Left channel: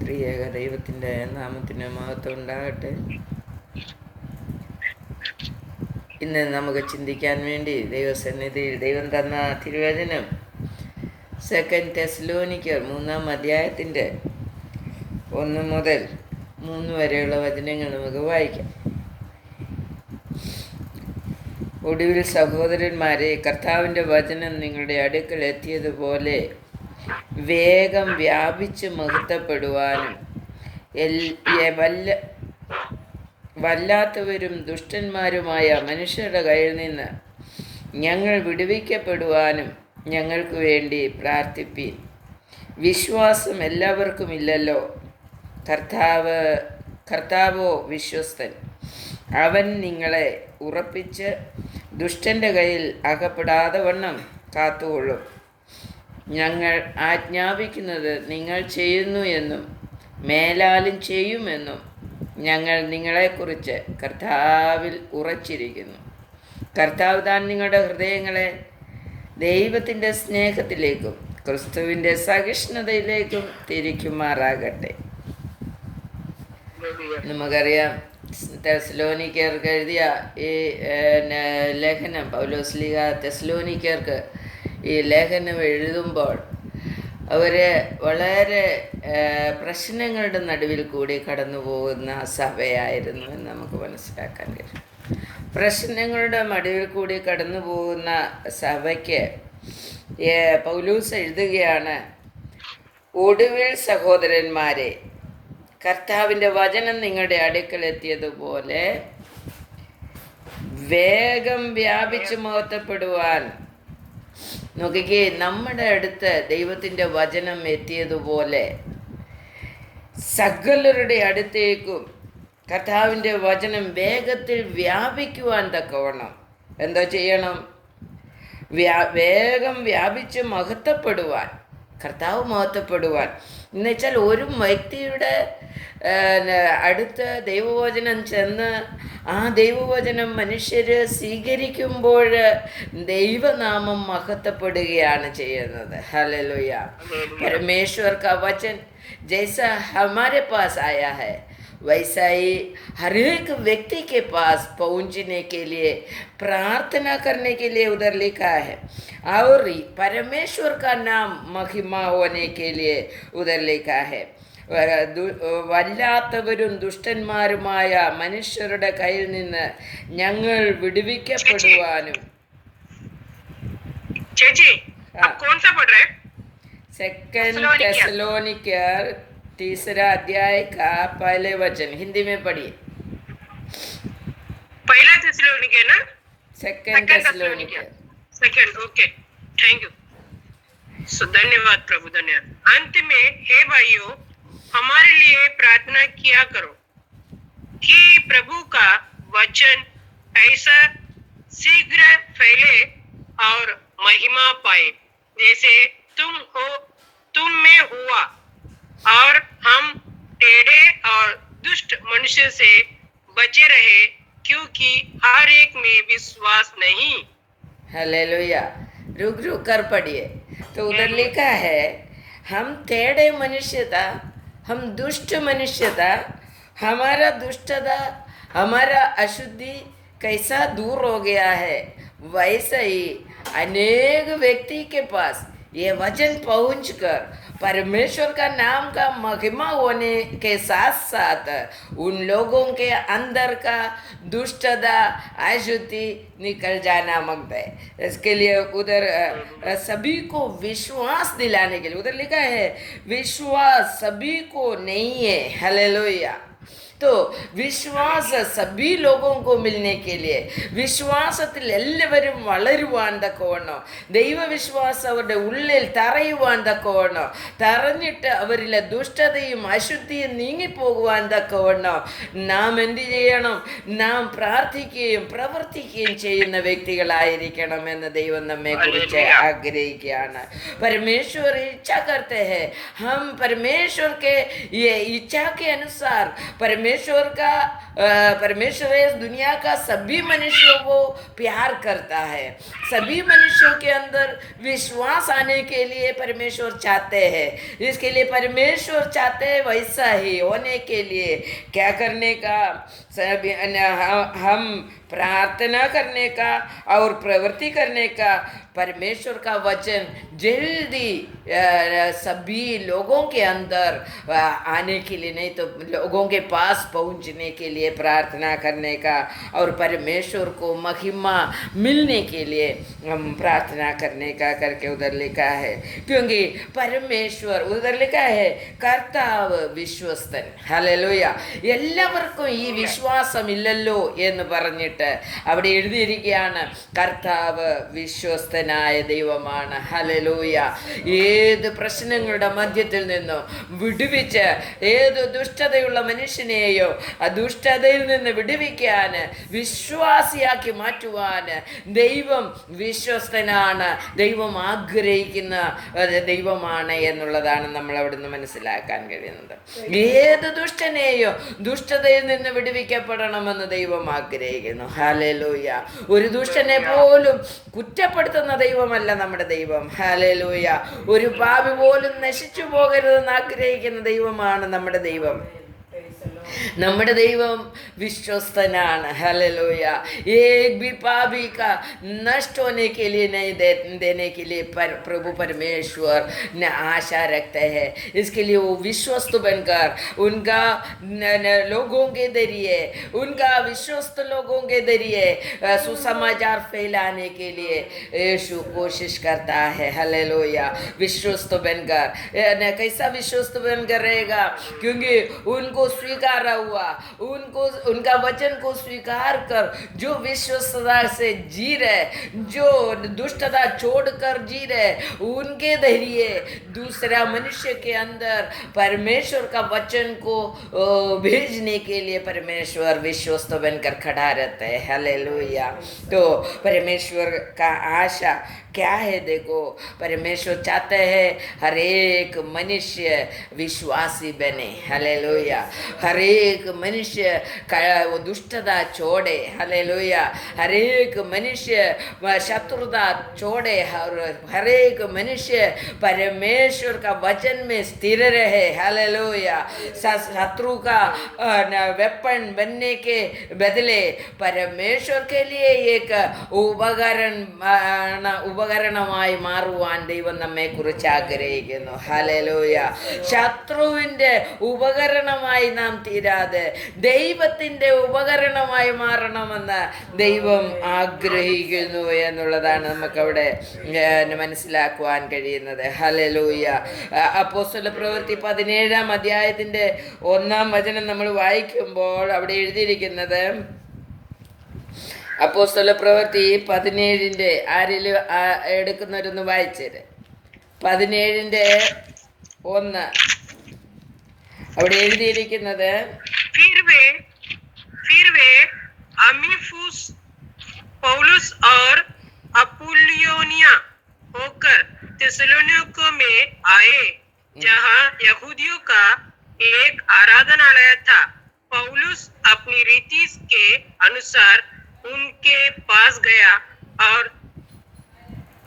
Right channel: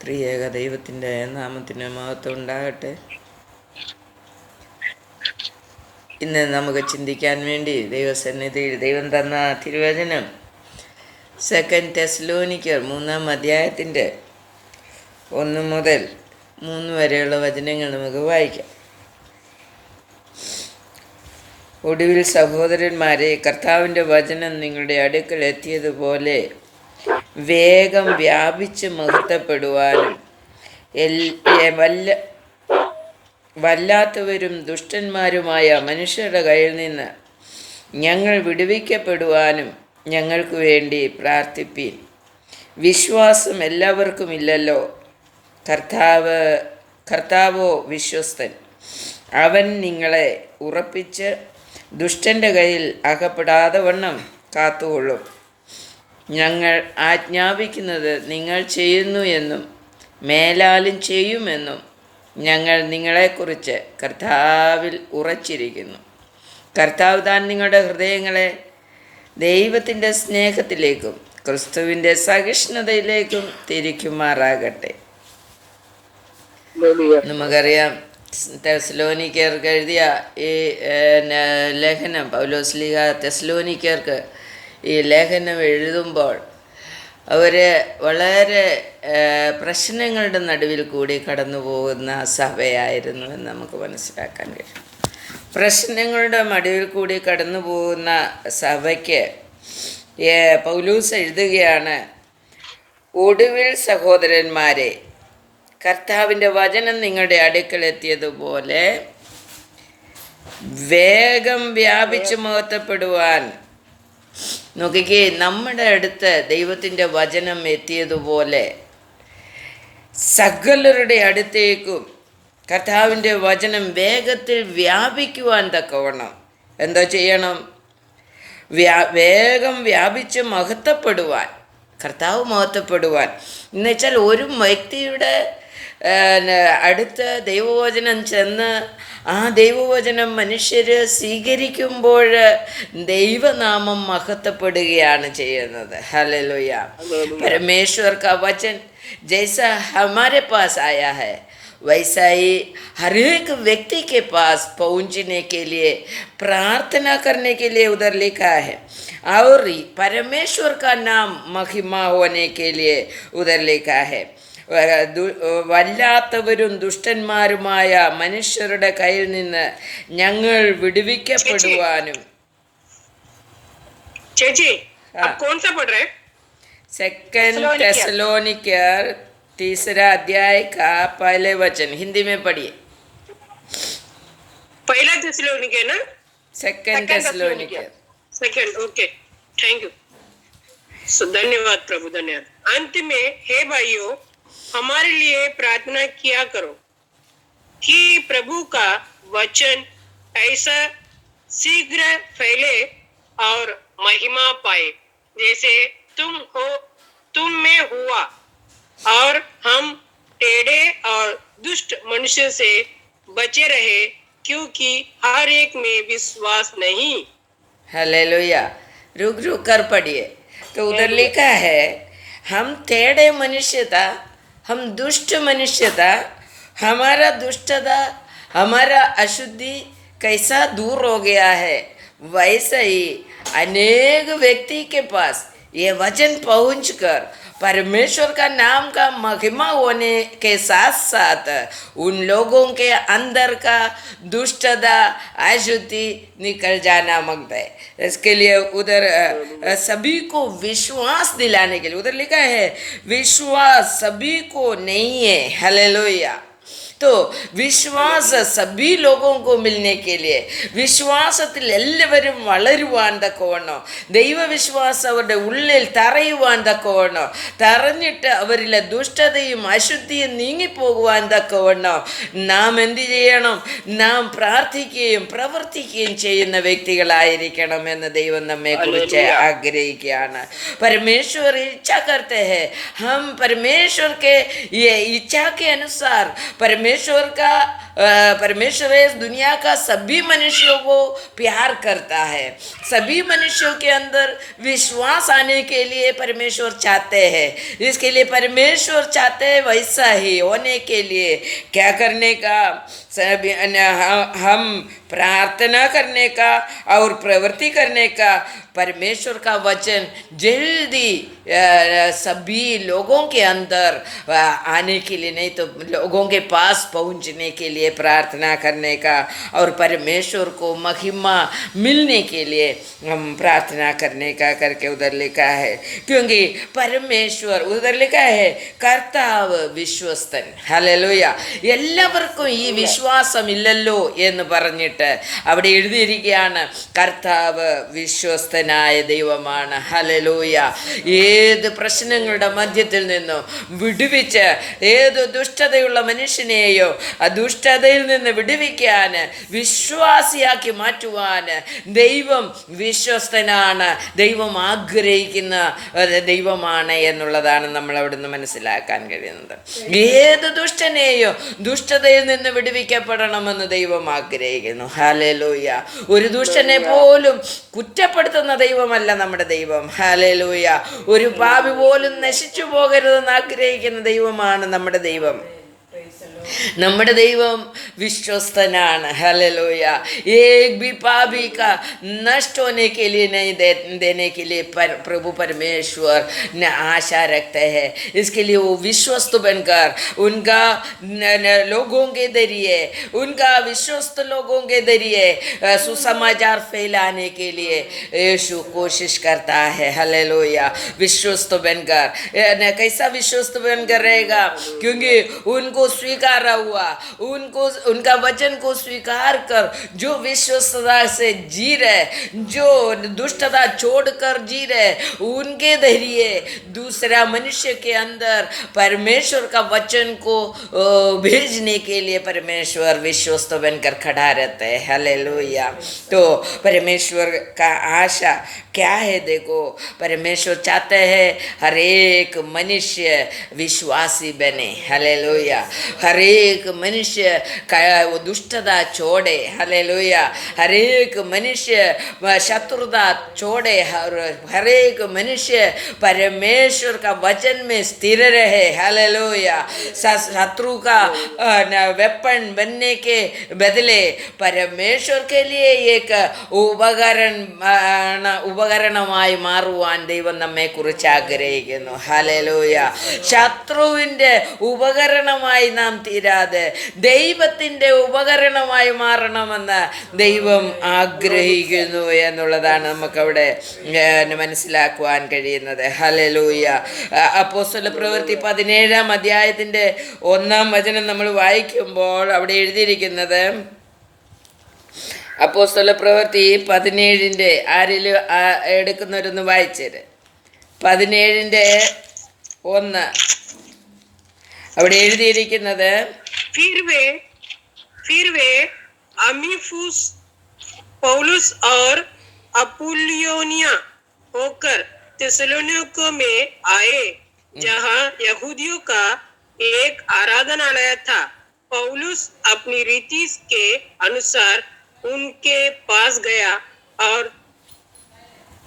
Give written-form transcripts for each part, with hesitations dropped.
ത്രിയേക ദൈവത്തിൻ്റെ നാമത്തിന് മഹത്വം ഉണ്ടാകട്ടെ. ഇന്ന് നമുക്ക് ചിന്തിക്കാൻ വേണ്ടി ദൈവസന്നിധിയിൽ ദൈവം തന്ന തിരുവചനം 2 തെസ്സലോനിക്കർ 3-ാം അധ്യായത്തിൻ്റെ 1 മുതൽ 3 വരെയുള്ള വചനങ്ങൾ നമുക്ക് വായിക്കാം. ഒടുവിൽ സഹോദരന്മാരെ, കർത്താവിൻ്റെ വചനം നിങ്ങളുടെ അടുക്കൽ എത്തിയതുപോലെ വേഗം വ്യാപിച്ച് മഹത്വപ്പെടുവാനും വല്ലാത്തവരും ദുഷ്ടന്മാരുമായ മനുഷ്യരുടെ കയ്യിൽ നിന്ന് ഞങ്ങൾ വിടുവിക്കപ്പെടുവാനും ഞങ്ങൾക്ക് വേണ്ടി പ്രാർത്ഥിപ്പീൻ. വിശ്വാസം എല്ലാവർക്കും ഇല്ലല്ലോ. കർത്താവോ വിശ്വസ്തൻ. അവൻ നിങ്ങളെ ഉറപ്പിച്ച് ദുഷ്ടൻ്റെ കയ്യിൽ അകപ്പെടാതെ വണ്ണം കാത്തുകൊള്ളും. ഞങ്ങൾ ആജ്ഞാപിക്കുന്നത് നിങ്ങൾ ചെയ്യുന്നു എന്നും മേലാലും ചെയ്യുമെന്നും ഞങ്ങൾ നിങ്ങളെക്കുറിച്ച് കർത്താവിൽ ഉറച്ചിരിക്കുന്നു. കർത്താവ് താൻ നിങ്ങളുടെ ഹൃദയങ്ങളെ ദൈവത്തിൻ്റെ സ്നേഹത്തിലേക്കും ക്രിസ്തുവിൻ്റെ സഹിഷ്ണുതയിലേക്കും തിരിക്കുമാറാകട്ടെ. നമുക്കറിയാം, തെസ്സലോനിക്കർക്ക് എഴുതിയ ഈ ലേഖനം, പൗലോസ്ലീഹ തെസ്സലോനിക്കർക്ക് ഈ ലേഖനം എഴുതുമ്പോൾ അവർ വളരെ പ്രശ്നങ്ങളുടെ നടുവിൽ കൂടി കടന്നു പോകുന്ന സഭയായിരുന്നു എന്ന് നമുക്ക് മനസ്സിലാക്കാൻ കഴിയും. പ്രശ്നങ്ങളുടെ നടുവിൽ കൂടി കടന്നു പോകുന്ന സഭയ്ക്ക് പൗലൂസ് എഴുതുകയാണ്, ഒടുവിൽ സഹോദരന്മാരെ, കർത്താവിൻ്റെ വചനം നിങ്ങളുടെ അടുക്കൽ എത്തിയതുപോലെ വേഗം വ്യാപിച്ച് മഹത്വപ്പെടുവാൻ. നോക്കിക്കേ, നമ്മുടെ അടുത്ത് ദൈവത്തിൻ്റെ വചനം എത്തിയതുപോലെ സകലരുടെ അടുത്തേക്കും കർത്താവിൻ്റെ വചനം വേഗത്തിൽ വ്യാപിക്കുവാൻ തക്കവണ്ണം എന്താ ചെയ്യണം? വേഗം വ്യാപിച്ച് മഹത്വപ്പെടുവാൻ, കർത്താവ് മഹത്വപ്പെടുവാൻ. എന്നുവെച്ചാൽ ഒരു വ്യക്തിയുടെ അടുത്ത് ദൈവവചനം ചെന്ന് ആ ദൈവവചനം മനുഷ്യർ സ്വീകരിക്കുമ്പോൾ ദൈവനാമം മഹത്വപ്പെടുകയാണ് ചെയ്യുന്നത്. ഹല്ലേലൂയ. परमेश्वर का वचन जैसा हमारे पास आया है वैसा ही हर एक व्यक्ति के पास पहुंचने के लिए, प्रार्थना करने के लिए उधर लिखा है, और परमेश्वर का नाम महिमा होने के लिए उधर लिखा है. വല്ലാത്തവരും ദുഷ്ടന്മാരുമായ മനുഷ്യരുടെ കയ്യിൽ നിന്ന് ഞങ്ങൾ വിടുവിക്കപ്പെടുവാനും. सेकंड थेसलोनिकर 3 अध्याय का पहले वचन हिंदी में पढ़िए. पहला थेसलोनिकर ना, सेकंड थेसलोनिकर. Second, okay, thank you. धन्यवाद प्रभु, धन्यवाद. अंत में हे भाइयों, हमारे लिए प्रार्थना किया करो कि प्रभु का वचन ऐसा शीघ्र फैले और महिमा पाए जैसे तुम में हुआ, और हम टेढ़े और दुष्ट मनुष्य से बचे रहे, क्योंकि हर एक में विश्वास नहीं. हालेलुया. रुक कर पढ़िए. तो उधर लिखा है, हम टेढ़े मनुष्य था, हम दुष्ट मनुष्य था, हमारा दुष्टता, हमारा अशुद्धि कैसा दूर हो गया है, वैसे ही अनेक व्यक्ति के पास ये वचन पहुंचकर परमेश्वर का नाम का महिमा होने के साथ साथ उन लोगों के अंदर का दुष्टता, अशुद्धि निकल जाना मांगता है. इसके लिए उधर सभी को विश्वास दिलाने के लिए उधर लिखा है, विश्वास सभी को नहीं है. हालेलुया. तो विश्वास सभी लोगों को मिलने के लिए, വിശ്വാസത്തിൽ എല്ലാവരും വളരുവാൻ തക്കവണ്ണോ, ദൈവവിശ്വാസം അവരുടെ ഉള്ളിൽ തറയുവാൻ തക്കവണ്ണോ, തറഞ്ഞിട്ട് അവരിലെ ദുഷ്ടതയും അശുദ്ധിയും നീങ്ങിപ്പോകുവാൻ തക്കവണ്ണോ നാം എന്ത് ചെയ്യണം? നാം പ്രാർത്ഥിക്കുകയും പ്രവർത്തിക്കുകയും ചെയ്യുന്ന വ്യക്തികളായിരിക്കണം എന്ന് ദൈവം നമ്മെ കുറിച്ച് ആഗ്രഹിക്കുകയാണ്. परमेश्वर इच्छा करते हैं हम परमेश्वर के ये इच्छा के अनुसार परमेश्वर परमेश्वर इस दुनिया का सभी मनुष्यों को प्यार करता है। सभी मनुष्यों के अंदर विश्वास आने के लिए परमेश्वर चाहते हैं। इसके लिए परमेश्वर चाहते हैं वैसा ही होने के लिए क्या करने का, हम प्रार्थना करने का और प्रवृत्ति करने का, परमेश्वर का वचन जल्दी सभी लोगों के अंदर आने के लिए, नहीं तो लोगों के पास पहुंचने के लिए प्रार्थना करने का, और परमेश्वर को महिमा मिलने के लिए हम प्रार्थना करने का करके उधर लिखा है। क्योंकि परमेश्वर उधर लिखा है കർത്താവ് വിശ്വസ്തൻ. ഹല്ലേലൂയ. എല്ലാവർക്കും ഈ വിശ്വാസമില്ലല്ലോ എന്ന് പറഞ്ഞിട്ട് അവിടെ എഴുതിയിരിക്കുകയാണ് കർത്താവ് വിശ്വസ്തനായ ദൈവമാണ്. ഹല്ലേലൂയ. ഏത് പ്രശ്നങ്ങളുടെ മധ്യത്തിൽ നിന്നും വിടുവിച്ച് ഏത് ദുഷ്ടതയുള്ള മനുഷ്യനെയോ ആ ദുഷ്ടതയിൽ നിന്ന് വിടുവിക്കാൻ, വിശ്വാസിയാക്കി മാറ്റുവാൻ ദൈവം വിശ്വസ്തനാണ്. ദൈവം ആഗ്രഹിക്കുന്ന ദൈവമാണ് എന്നുള്ളതാണ് നമ്മൾ അവിടുന്ന് മനസ്സിലാക്കാൻ കഴിയുന്നത്. ഏത് ദുഷ്ടനെയോ ദുഷ്ടതയിൽ നിന്ന് വിടുവിക്കപ്പെടണമെന്ന് ദൈവം ആഗ്രഹിക്കുന്നു. ഹല്ലേലൂയ. ഒരു ദുഷ്ടനെ പോലും കുറ്റപ്പെടുത്തുന്ന ദൈവമല്ല നമ്മുടെ ദൈവം. ഹല്ലേലൂയ. ഒരു പാപി പോലും നശിച്ചു പോകരുതെന്ന് ആഗ്രഹിക്കുന്ന ദൈവമാണ് നമ്മുടെ ദൈവം. നമ്മുടെ ദൈവം വിശ്വസ്തനാണ്. हालेलुया. एक भी पापी का नष्ट होने के लिए नहीं देने के लिए प्रभु परमेश्वर ने आशा रखते हैं. इसके लिए वो विश्वस्त बनकर उनका लोगों के जरिए, उनका विश्वस्त लोगों के जरिए सुसमाचार फैलाने के लिए यीशु कोशिश करता है. हालेलुया. विश्वस्त बनकर, कैसा विश्वस्त बनकर रहेगा? क्योंकि उनको स्वीकार हुआ, उनको उनका वचन को स्वीकार कर जो विश्वस्तता से जी रहे, जो दुष्टता छोड़कर जी रहे, उनके जरिए दूसरा मनुष्य के अंदर परमेश्वर का वचन को भेजने के लिए परमेश्वर विश्वस्त बनकर खड़ा रहता है. हालेलुया. तो परमेश्वर का आशा क्या है? देखो, परमेश्वर चाहते हैं हर एक मनुष्य विश्वासी बने. हालेलुया. हर एक मनुष्य का वो दुष्टता छोड़े. हालेलुया. हर एक मनुष्य शत्रुता छोड़े. हर एक मनुष्य परमेश्वर का वचन में स्थिर रहे. हालेलुया. शत्रु का वेपन बनने के बदले परमेश्वर के लिए एक ഉപകരണമായി മാറുവാൻ ദൈവം നമ്മെക്കുറിച്ച് ആഗ്രഹിക്കുന്നു. ഹല്ലേലൂയ. ശത്രുവിൻ്റെ ഉപകരണമായി നാം തീരാതെ ദൈവത്തിൻ്റെ ഉപകരണമായി മാറണമെന്ന് ദൈവം ആഗ്രഹിക്കുന്നു എന്നുള്ളതാണ് നമുക്കവിടെ മനസ്സിലാക്കുവാൻ കഴിയുന്നത്. ഹല്ലേലൂയ. അപ്പോസ്തല പ്രവൃത്തി 17-ാം അധ്യായത്തിൻ്റെ 1-ാം വചനം നമ്മൾ വായിക്കുമ്പോൾ അവിടെ എഴുതിയിരിക്കുന്നത്, അപ്പോസ്തല പ്രവൃത്തി 17-ന്റെ ആരിലും എടുക്കുന്നവരൊന്ന് വായിച്ചേര്. 17-ന്റെ 1 അവിടെ എഴുതിയിരിക്കുന്നത്, फिर वे अमीफुस, पौलुस और अपुल्योनिया होकर थिस्सलुनीके में आए, जहां यहूदियों का एक आराधनालय था. पौलुस अपनी रीति के अनुसार उनके पास गया और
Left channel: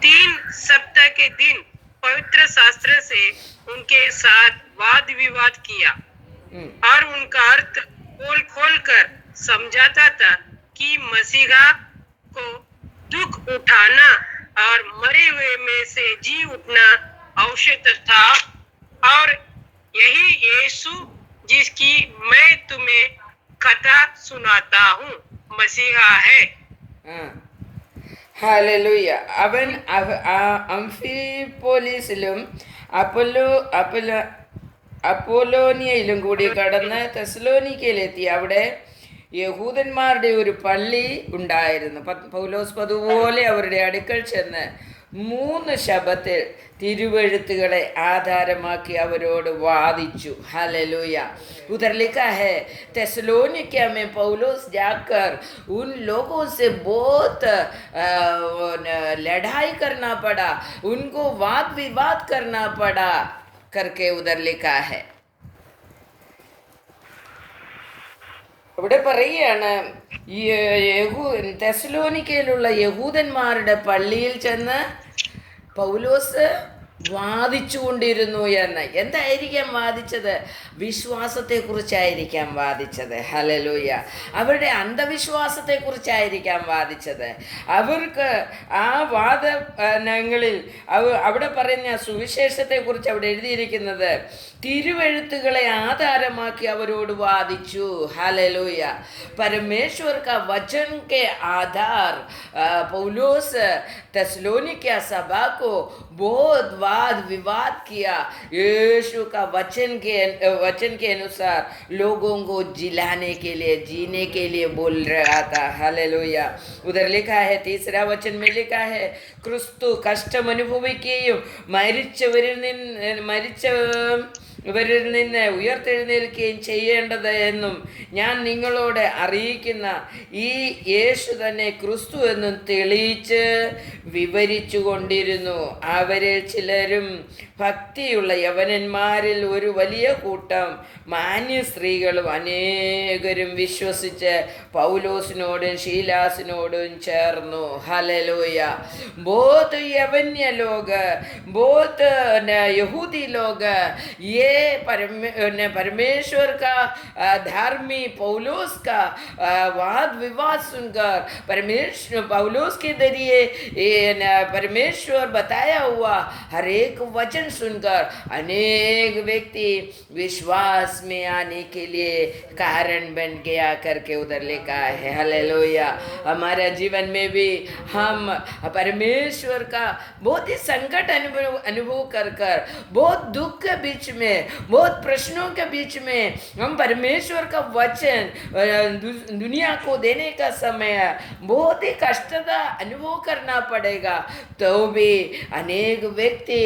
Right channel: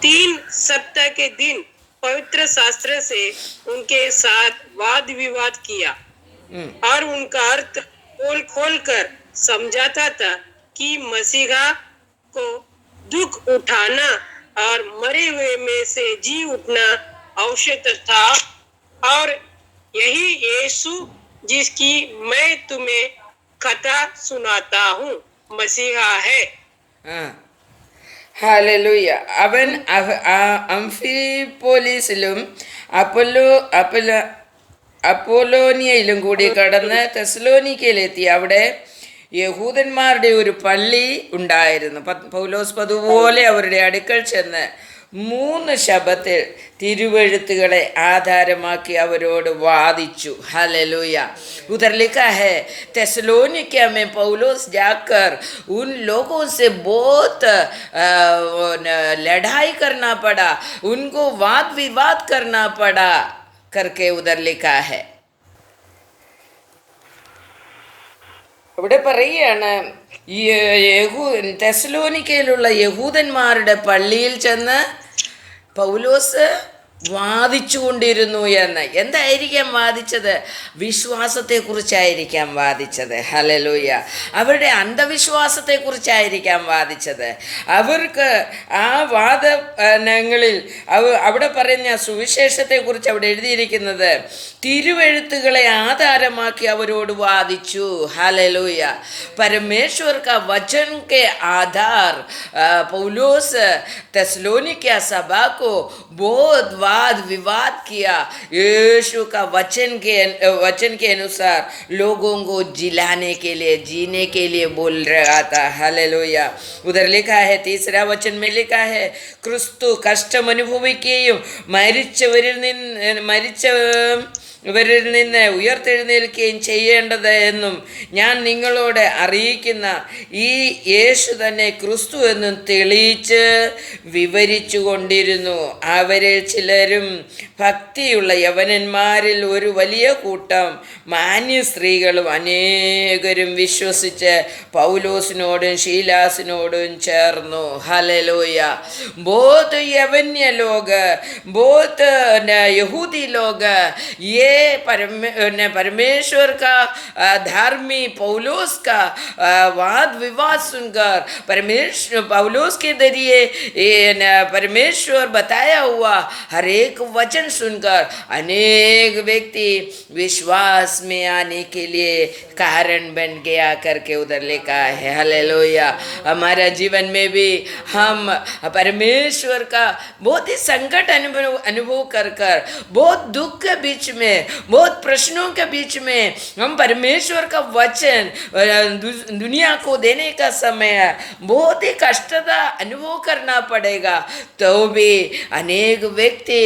3 सप्ताह के दिन पवित्र शास्त्र से उनके साथ वाद विवाद किया और उनका अर्थ खोल कर समझाता था कि मसीहा को दुख उठाना और मरे हुए में से जी उठना आवश्यक था, और यही यीशु जिसकी मैं तुम्हें कथा सुनाता हूँ मसीहा है. ഹല്ലേലൂയ. അവൻ അംഫിപോലിസിലും അപ്പോലോനിയയിലും കൂടി കടന്ന് തെസ്സലോനിക്കയിലെത്തി. അവിടെ യഹൂദന്മാരുടെ ഒരു പള്ളി ഉണ്ടായിരുന്നു. പൗലോസ് പതുപോലെ അവരുടെ അടുക്കൽ ചെന്ന് 3 ശബ്ബത്തിൽ തിരുവെഴുത്തുകളെ ആധാരമാക്കി അവരോട് വാദിച്ചു. हालेलुया. उधर लिखा है थेसलोनिका में पौलुस जाकर उन लोगों से बहुत लड़ाई करना पड़ा, उनको वाद विवाद करना पड़ा करके उधर लिखा है. അവിടെ പറയുകയാണ് ഈ തെസ്സലോനിക്കയിലുള്ള യഹൂദന്മാരുടെ പള്ളിയിൽ ചെന്ന് പൗലോസ് വാദിച്ചു കൊണ്ടിരുന്നു എന്ന്. എന്തായിരിക്കാം വാദിച്ചത്? വിശ്വാസത്തെക്കുറിച്ചായിരിക്കാം വാദിച്ചത്. ഹല്ലേലൂയ. അവരുടെ അന്ധവിശ്വാസത്തെക്കുറിച്ചായിരിക്കാം വാദിച്ചത്. അവർക്ക് ആ വാദങ്ങളിൽ അവിടെ പറഞ്ഞ സുവിശേഷത്തെക്കുറിച്ച് അവിടെ എഴുതിയിരിക്കുന്നത് തിരുവെഴുത്തുകളെ ആധാരമാക്കി അവരോട് വാദിച്ചു. ഹല്ലേലൂയ. परमेश्वर का वचन के आधार पौलुस तेसलोनिकिया सभा को बहुत वाद विवाद किया. यीशु का वचन के अनुसार लोगों को जिलाने के लिए, जीने के लिए बोल रहा था. हालेलुया. उधर लिखा है, तीसरा वचन में लिखा है, क्रिस्तु കഷ്ടം അനുഭവിക്കുകയും ഇവരിൽ നിന്ന് ഉയർത്തെഴുന്നേൽക്കുകയും ചെയ്യേണ്ടത് എന്നും ഞാൻ നിങ്ങളോട് അറിയിക്കുന്ന ഈ യേശു തന്നെ ക്രിസ്തു എന്നും തെളിയിച്ച് വിവരിച്ചു കൊണ്ടിരുന്നു. അവരിൽ ചിലരും ഭക്തിയുള്ള യവനന്മാരിൽ ഒരു വലിയ കൂട്ടം മാന്യ സ്ത്രീകളും അനേകരും വിശ്വസിച്ച് പൗലോസിനോടും ശീലാസിനോടും ചേർന്നു. ഹല്ലേലൂയ. बहुत यवन्य लोग, बहुत यहूदी लोग ये परमेश्वर का धर्मी पौलुस का वाद विवाद सुनकर पौलुस के जरिए परमेश्वर बताया हुआ हर एक वचन सुनकर अनेक व्यक्ति विश्वास में आने के लिए कारण बन गया करके उधर लिखा है. हालेलुया. हमारा जीवन में भी हम परमेश्वर का बहुत ही संकट अनुभव कर बहुत दुख के बीच में, बहुत प्रश्नों के बीच में हम परमेश्वर का वचन दुनिया को देने का समय बहुत ही कष्टता अनुभव करना पड़ेगा. तो भी अनेक व्यक्ति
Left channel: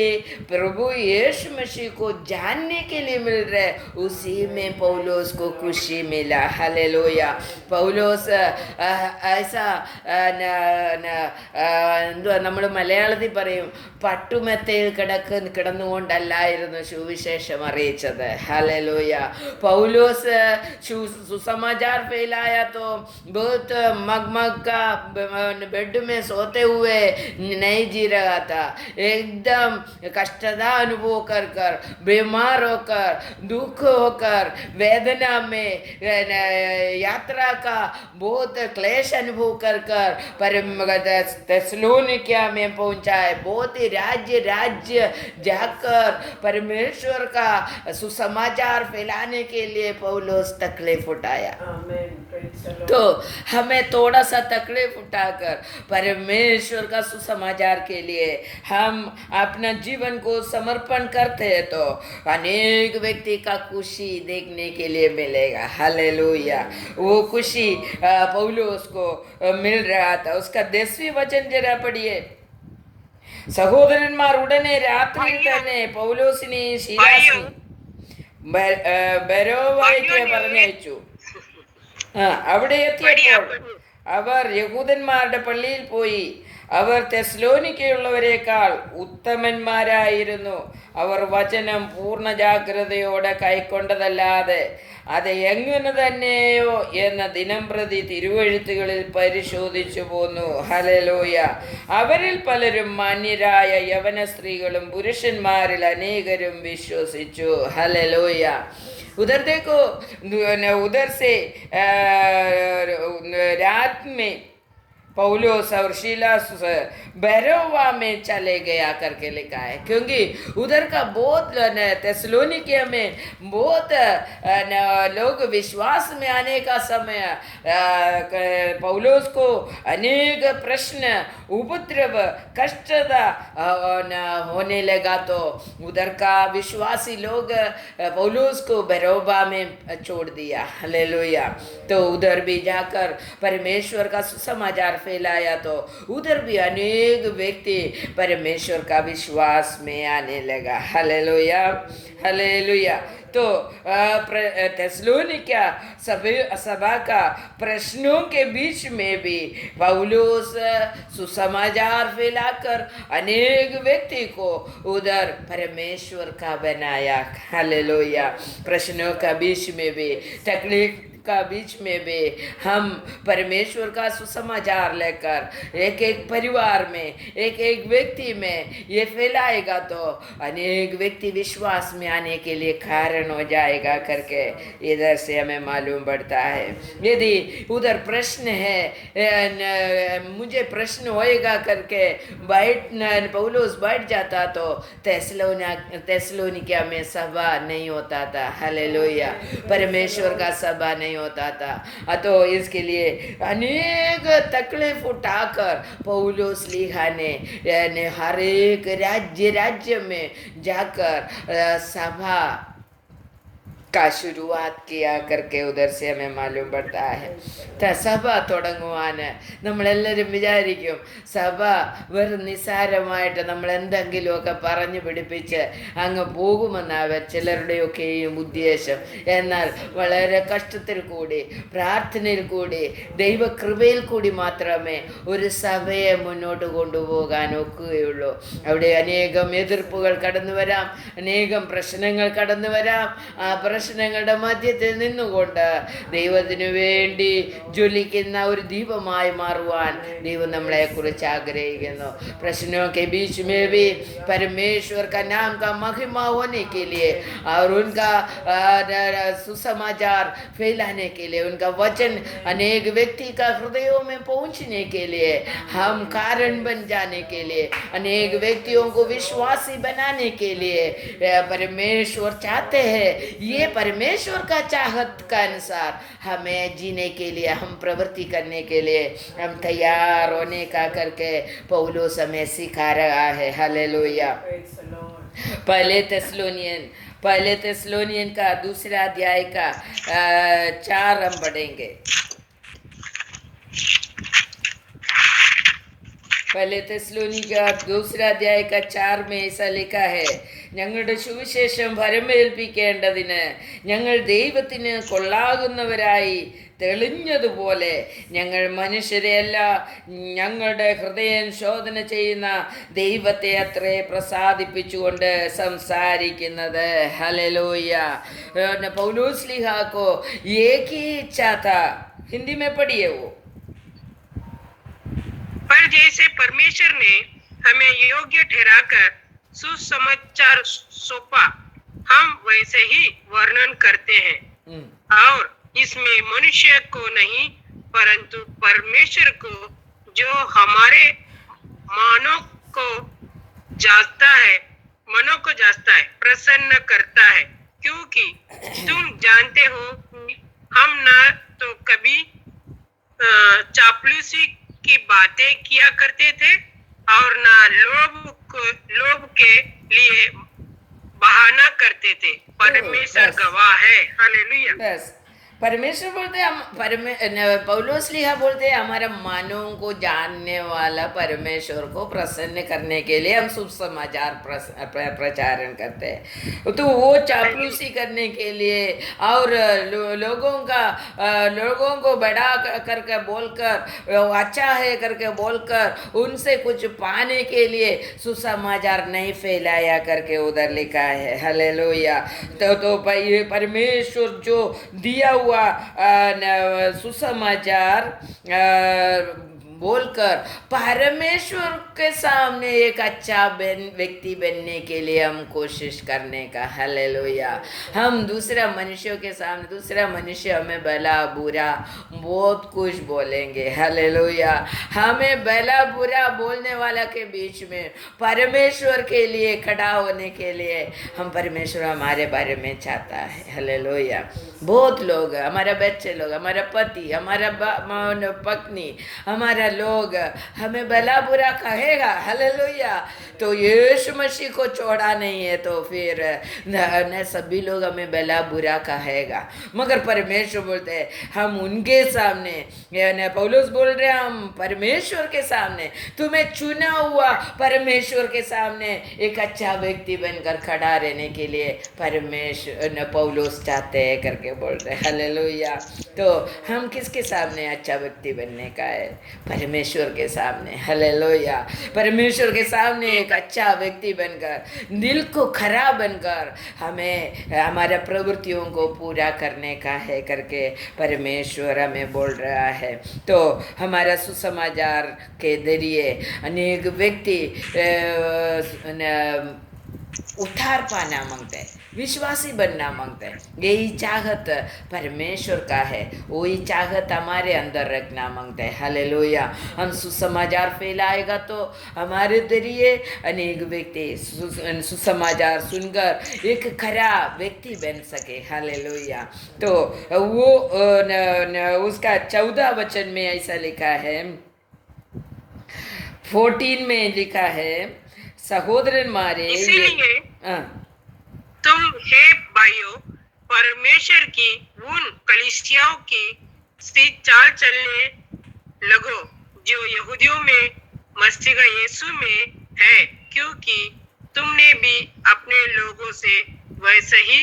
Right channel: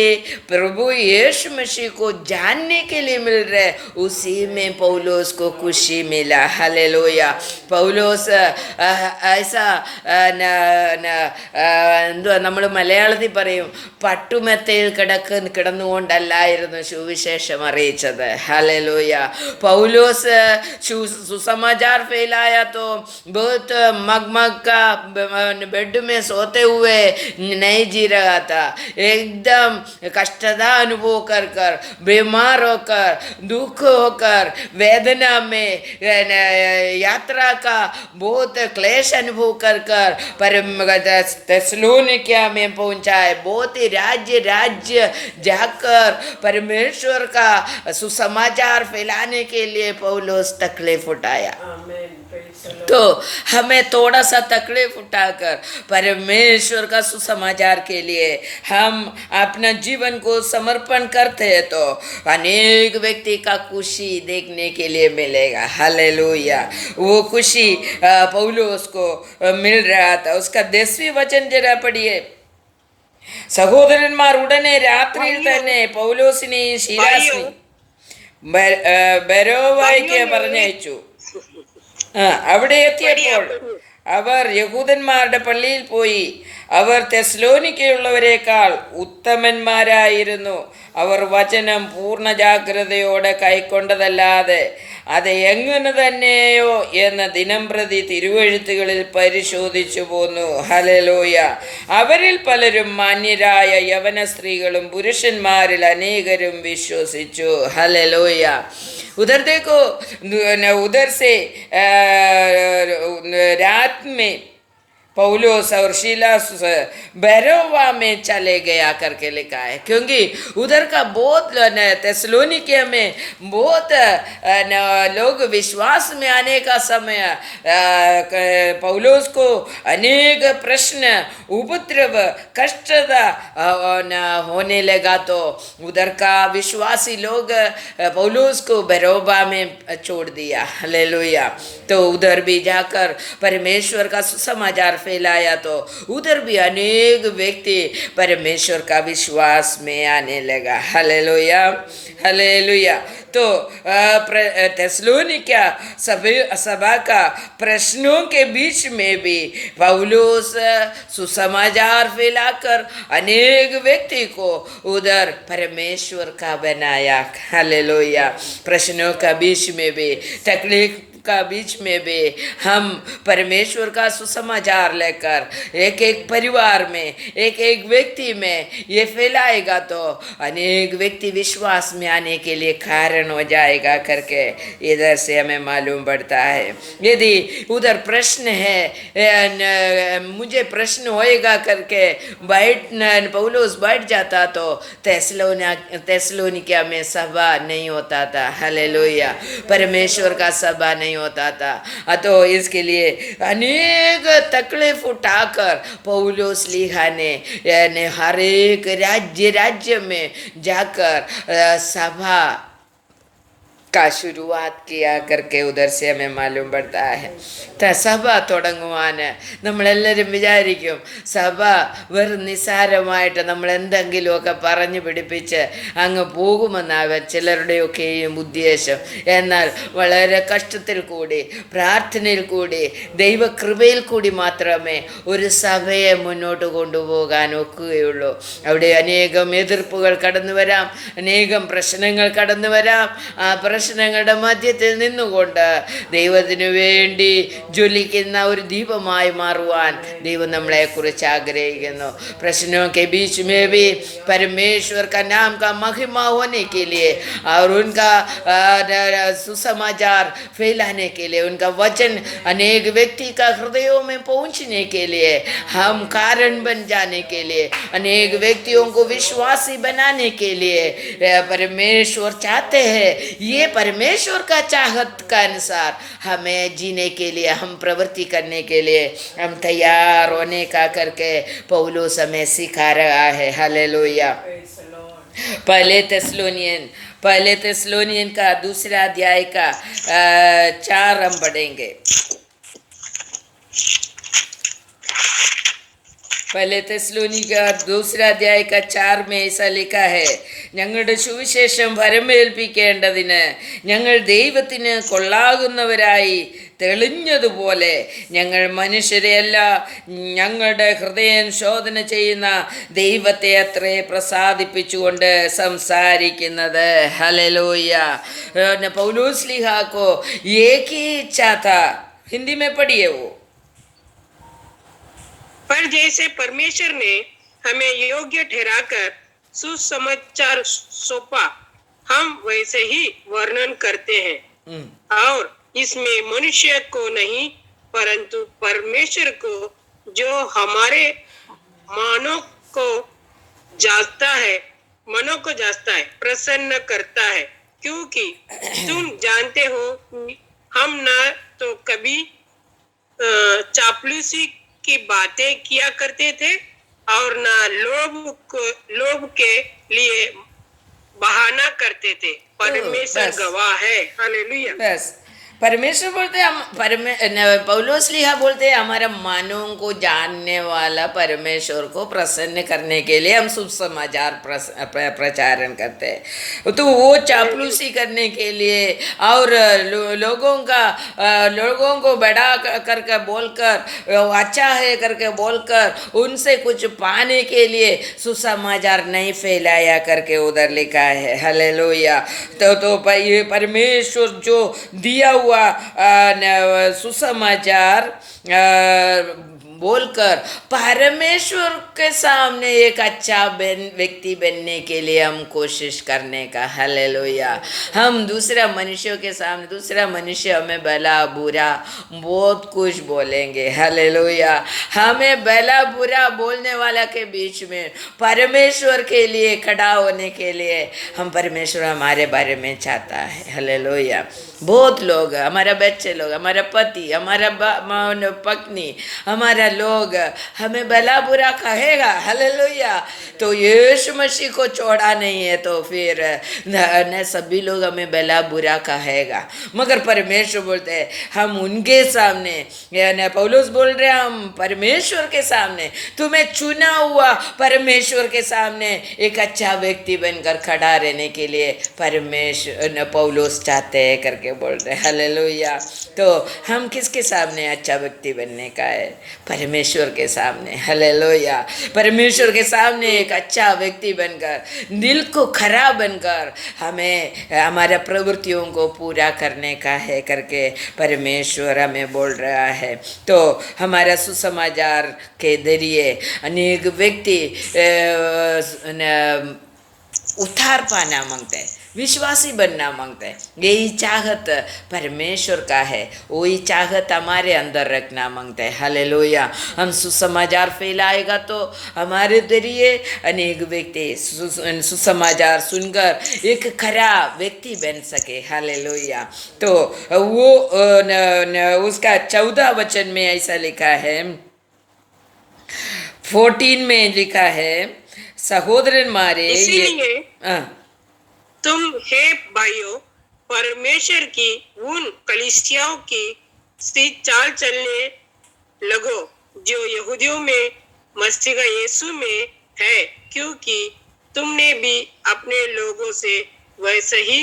प्रभु यीशु मसीह को जानने के लिए मिल रहे, उसी में पौलुस को खुशी मिला. हालेलुया. पौलुस ऐसा എന്തുവാ നമ്മൾ മലയാളത്തിൽ പറയും, പട്ടുമെത്തയിൽ കിടന്നുകൊണ്ടല്ലായിരുന്നു സുവിശേഷം അറിയിച്ചത്. हालेलुया. पौलुस सुसमाचार फैलाया तो बहुत मगमग का बेड में सोते हुए नहीं जी रहा था. एकदम कष्टता अनुभव कर बीमार होकर, दुख होकर, वेदना में यात्रा का बहुत क्लेश अनुभव कर तेसलोनिकिया में पहुंचाए. बहुत ही राज्य जाकर परमेश्वर का सुसमाचार फैलाने के लिए पौलुस तकलीफ उठाया. तो हमें थोड़ा सा तकलीफ उठाकर परमेश्वर का सुसमाचार के लिए हम अपना जीवन को समर्पण करते हैं तो अनेक व्यक्ति का खुशी देखने के लिए मिलेगा. हालेलुया. वो खुशी पौलुस को मिल रहा था. उसका 10वीं वचन जरा पढ़िए. സഹോദരന്മാർ ഉടനെ രാത്രിയിൽ തന്നെ പൗലോസിനെയും ശീലാസിനെയും ബെരോവായ്ക്ക് പറഞ്ഞയച്ചു. അവിടെ എത്തിയപ്പോൾ അവർ യഹൂദന്മാരുടെ പള്ളിയിൽ പോയി. അവർ തെസ്സലോനിക്കയുള്ളവരെക്കാൾ ഉത്തമന്മാരായിരുന്നു. അവർ വചനം പൂർണ്ണ ജാഗ്രതയോടെ കൈക്കൊണ്ടതല്ലാതെ അത് എങ്ങനെ തന്നെയോ എന്ന് ദിനംപ്രതി തിരുവെഴുത്തുകളിൽ പരിശോധിച്ചു പോന്നു. ഹല്ലേലൂയ. അവരിൽ പലരും മാന്യരായ യവന സ്ത്രീകളും പുരുഷന്മാരിൽ അനേകരും വിശ്വസിച്ചു. ഹല്ലേലൂയ. उधर देखो, उधर से रात में पौलुस और सीलास बेरोवा में चले गया करके लिखा है. क्योंकि उधर का बहुत तेसलोनिकिया में बहुत लोग विश्वास में आने का समय पौलुस को अनेक प्रश्न, उपद्रव, कष्टता होने लगा. तो उधर का विश्वासी लोग पौलुस को बेरोबा में छोड़ दिया. हालेलुया. तो उधर भी जाकर परमेश्वर का सुसमाचार फैलाया तो उधर भी अनेक व्यक्ति परमेश्वर का विश्वास में आने लगा. हालेलुया. हालेलुया. तो तेसलोनिकिया सभा का प्रश्नों के बीच में भी पौलुस सुसमाचार फैलाकर अनेक व्यक्ति को उधर परमेश्वर का बनाया. हालेलुया. प्रश्नों का बीच में भी, का बीच में भी हम परमेश्वर का सुसमाचार लेकर एक एक परिवार में, एक एक व्यक्ति में ये फैलाएगा तो अनेक व्यक्ति विश्वास में आने के लिए कारण हो जाएगा करके इधर से हमें मालूम पड़ता है। यदि उधर प्रश्न है, मुझे प्रश्न होएगा करके पौलुस बैठ जाता तो थेसलोनिका में सभा नहीं होता था। हालेलुया, परमेश्वर का सभा नहीं होता था। तो इसके लिए अनेक तकलीफ उठाकर पौलुस लिखा ने हर एक राज्य में जाकर सभा का शुरुआत किया करके उधर से हमें मालूम पड़ता है। സഭ തുടങ്ങുവാൻ നമ്മളെല്ലാവരും വിചാരിക്കും സഭ വെറും നിസ്സാരമായിട്ട് നമ്മൾ എന്തെങ്കിലുമൊക്കെ പറഞ്ഞു പിടിപ്പിച്ച് അങ്ങ് പോകുമെന്നാവൻ ചിലരുടെയൊക്കെയും ഉദ്ദേശം. എന്നാൽ വളരെ കഷ്ടത്തിൽ കൂടി, പ്രാർത്ഥനയിൽ കൂടി, ദൈവകൃപയിൽ കൂടി മാത്രമേ ഒരു സഭയെ മുന്നോട്ട് കൊണ്ടുപോകാൻ ഒക്കുകയുള്ളൂ. അവിടെ അനേകം എതിർപ്പുകൾ കടന്നു വരാം, അനേകം പ്രശ്നങ്ങൾ കടന്നു വരാം. ആ പ്രശ്നങ്ങളുടെ മധ്യത്തിൽ നിന്നുകൊണ്ട് ദൈവത്തിനു വേണ്ടി ജ്വലിക്കുന്ന ഒരു ദീപമായി മാറുവാൻ ദൈവം നമ്മളെക്കുറിച്ച് ആഗ്രഹിക്കുന്നു. प्रश्नों के बीच में भी परमेश्वर का नाम का महिमा होने के लिए और उनका सुसमाचार फैलाने के लिए, उनका वचन अनेक व्यक्ति का हृदयों में पहुंचने के लिए, हम कारण बन जाने के लिए, अनेक व्यक्तियों को विश्वासी बनाने के लिए परमेश्वर चाहते हैं. ये परमेश्वर का चाहत का अनुसार हमें जीने के लिए, हम प्रवृत्ति करने के लिए हम तैयार होने का करके पौलुस हमें सिखा रहा है. हालेलुया. पहले थेसलोनियन का दूसरा अध्याय का 4 हम पढ़ेंगे. पहले थेसलोनी का दूसरा अध्याय का 4 में ऐसा लिखा है, ഞങ്ങളുടെ സുവിശേഷം വരമേൽപ്പിക്കേണ്ടതിന് ഞങ്ങൾ ദൈവത്തിന് കൊള്ളാകുന്നവരായി തെളിഞ്ഞതുപോലെ ഞങ്ങൾ മനുഷ്യരെയല്ല, ഞങ്ങളുടെ ഹൃദയം ശോധന ചെയ്യുന്ന ദൈവത്തെ അത്രേ പ്രസാദിപ്പിച്ചുകൊണ്ട് സംസാരിക്കുന്നത്. ഹല്ലേലൂया. पौलुस लिखा को एक ही इच्छा था. हिंदी में पढ़िए वो. पर जैसे परमेश्वर ने हमें योग्य ठहराकर सुसमाचार सौंपा, हम वैसे ही वर्णन करते हैं. और इसमें मनुष्य को नहीं परंतु परमेश्वर को, जो हमारे मनों को जांचता है, प्रसन्न करता है. क्योंकि तुम जानते हो हम न तो कभी चापलूसी की बातें किया करते थे और न लोभ के लिए बहाना करते थे. परमेश्वर गवाह है. हालेलुया. बस परमेश्वर बोलते हम पौलुस लिखा बोलते हैं हमारे मानों को जानने वाला परमेश्वर को प्रसन्न करने के लिए हम शुभ समाचार प्रचारण करते हैं. तो वो चापलूसी करने के लिए और लोगों को बड़ा करके बोलकर, अच्छा है करके बोलकर उनसे कुछ पाने के लिए सुसमाचार नहीं फैलाया करके उधर लिखा है. हालेलुया. तो परमेश्वर जो दिया हुआ सुसमाचार बोलकर परमेश्वर के सामने एक अच्छा व्यक्ति बनने के लिए हम कोशिश करने का. हालेलुया. हम दूसरा मनुष्यों के सामने, दूसरा मनुष्य हमें भला बुरा बहुत कुछ बोलेंगे. हालेलुया. हमें भला बुरा बोलने वाला के बीच में परमेश्वर के लिए खड़ा होने के लिए हम, परमेश्वर हमारे बारे में चाहता है. हालेलुया. बहुत लोग, हमारा बच्चे लोग, हमारा पति, हमारा पत्नी, हमारा लोग हमें भला बुरा कहेगा. हालेलुया. तो यीशु मसीह को छोड़ा नहीं है तो फिर न सभी लोग हमें भला बुरा कहेगा. मगर परमेश्वर बोलते हैं हम उनके सामने, पौलुस बोल रहे हैं हम परमेश्वर के सामने, तुम्हें चुना हुआ परमेश्वर के सामने एक अच्छा व्यक्ति बनकर खड़ा रहने के लिए परमेश्वर पौलुस चाहते हैं करके बोल रहे हैं. हालेलुया. तो हम किसके सामने अच्छा व्यक्ति बनने का है? परमेश्वर के सामने, हालेलुया, परमेश्वर के सामने एक अच्छा व्यक्ति बनकर, दिल को खरा बनकर हमें हमारा प्रवृत्तियों को पूरा करने का है करके परमेश्वर हमें बोल रहा है। तो हमारा सुसमाचार के जरिए अनेक व्यक्ति उद्धार पाना मांगते हैं, विश्वासी बनना मांगते हैं। यही चाहत परमेश्वर का है, वही चाहत हमारे अंदर रखना मांगते हैं। हालेलुया, हम सुसमाचार फैलाएगा तो हमारे जरिए अनेक व्यक्ति सुसमाचार सुनकर एक खरा व्यक्ति बन सके। हालेलुया। तो वो उसका 14 वचन में ऐसा लिखा है, 14 में लिखा है, सहोदरन मारे इसीलिए तुम हे भाइयों परमेश्वर की उन कलीसियाओं की सी चाल चलने लगो जो यहूदियों में मसीह यीशु में है, क्योंकि तुमने भी अपने लोगों से वैसे ही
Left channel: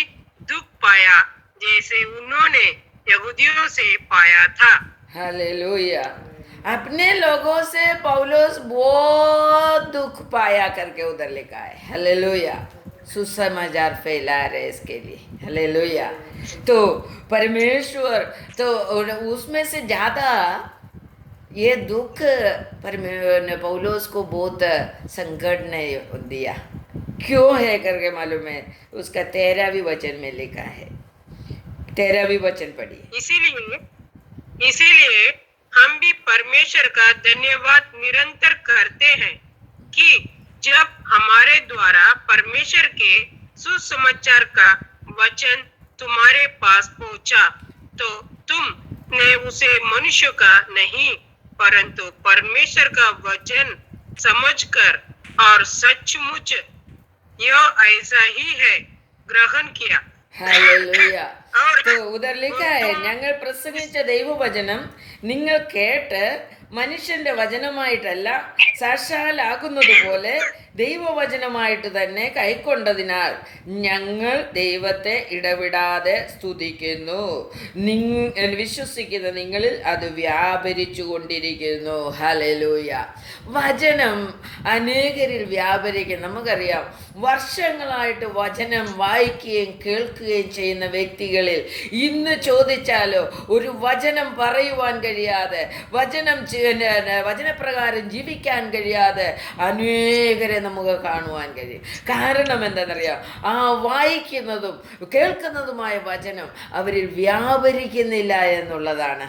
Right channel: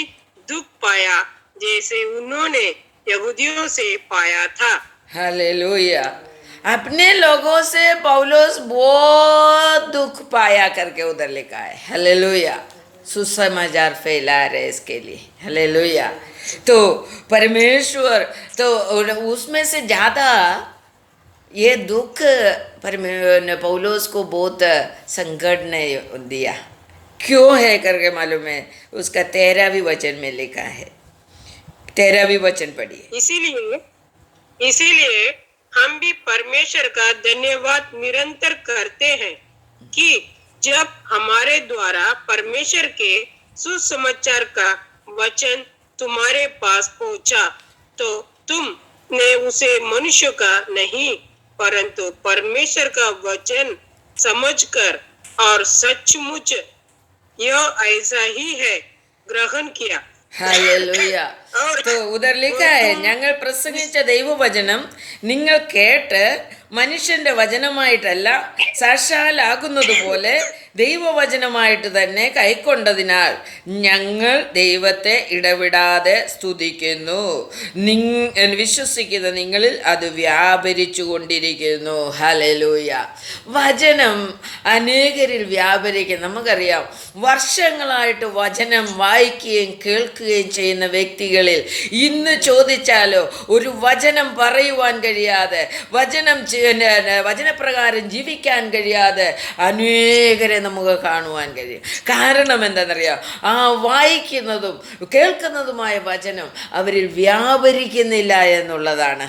दुख पाया जैसे उन्होंने यहूदियों से पाया था। हालेलुया। अपने लोगों से पौलुस बहुत दुख पाया करके उधर लिखा है। हालेलुया, सुसमाचार फैला रहे इसके लिए। हालेलुया। तो परमेश्वर तो उसमें से ज़्यादा ये दुख पौलुस को बहुत संकट ने दिया। क्यों है करके मालूम है, उसका 13वीं वचन में लिखा है। 13वीं वचन पढ़िए। इसीलिए हम भी परमेश्वर का धन्यवाद निरंतर करते हैं कि जब हमारे द्वारा परमेश्वर के सुसमाचार का वचन तुम्हारे पास पहुंचा तो तुमने उसे मनुष्य का नहीं परंतु परमेश्वर का वचन समझकर और सचमुच यह ऐसा ही है ग्रहण किया। ഹല്ലേലൂയ. तो उधर लिखा है, ഞങ്ങൾ പ്രസംഗിച്ച ദൈവവചനം നിങ്ങൾ കേട്ട് മനുഷ്യന്റെ വചനമായിട്ടല്ല സാക്ഷാലാകുന്നത് പോലെ ദൈവവചനമായിട്ട് തന്നെ കൈക്കൊണ്ടതിനാൽ ഞങ്ങൾ ദൈവത്തെ ഇടവിടാതെ സ്തുതിക്കുന്നു. വിശ്വസിക്കുന്ന നിങ്ങളിൽ അത് വ്യാപരിച്ചു കൊണ്ടിരിക്കുന്നു. ഹല്ലേലൂയ. വചനം അനേകരിൽ വ്യാപരിക്കും. നമുക്കറിയാം, വർഷങ്ങളായിട്ട് വചനം വായിക്കുകയും കേൾക്കുകയും ചെയ്യുന്ന വ്യക്തികളിൽ ഇന്ന് ചോദിച്ചാലോ ഒരു വചനം പറയുവാൻ കഴിയാതെ, വചനപ്രകാരം ജീവിക്കാൻ കഴിയാതെ അനേകരെ നമുക്ക് കാണുവാൻ കഴിയും. കാരണം എന്താണെന്നറിയാം, ആ വായിക്കുന്നതും കേൾക്കുന്നതുമായ വചനം അവരിൽ വ്യാപരിക്കുന്നില്ല എന്നുള്ളതാണ്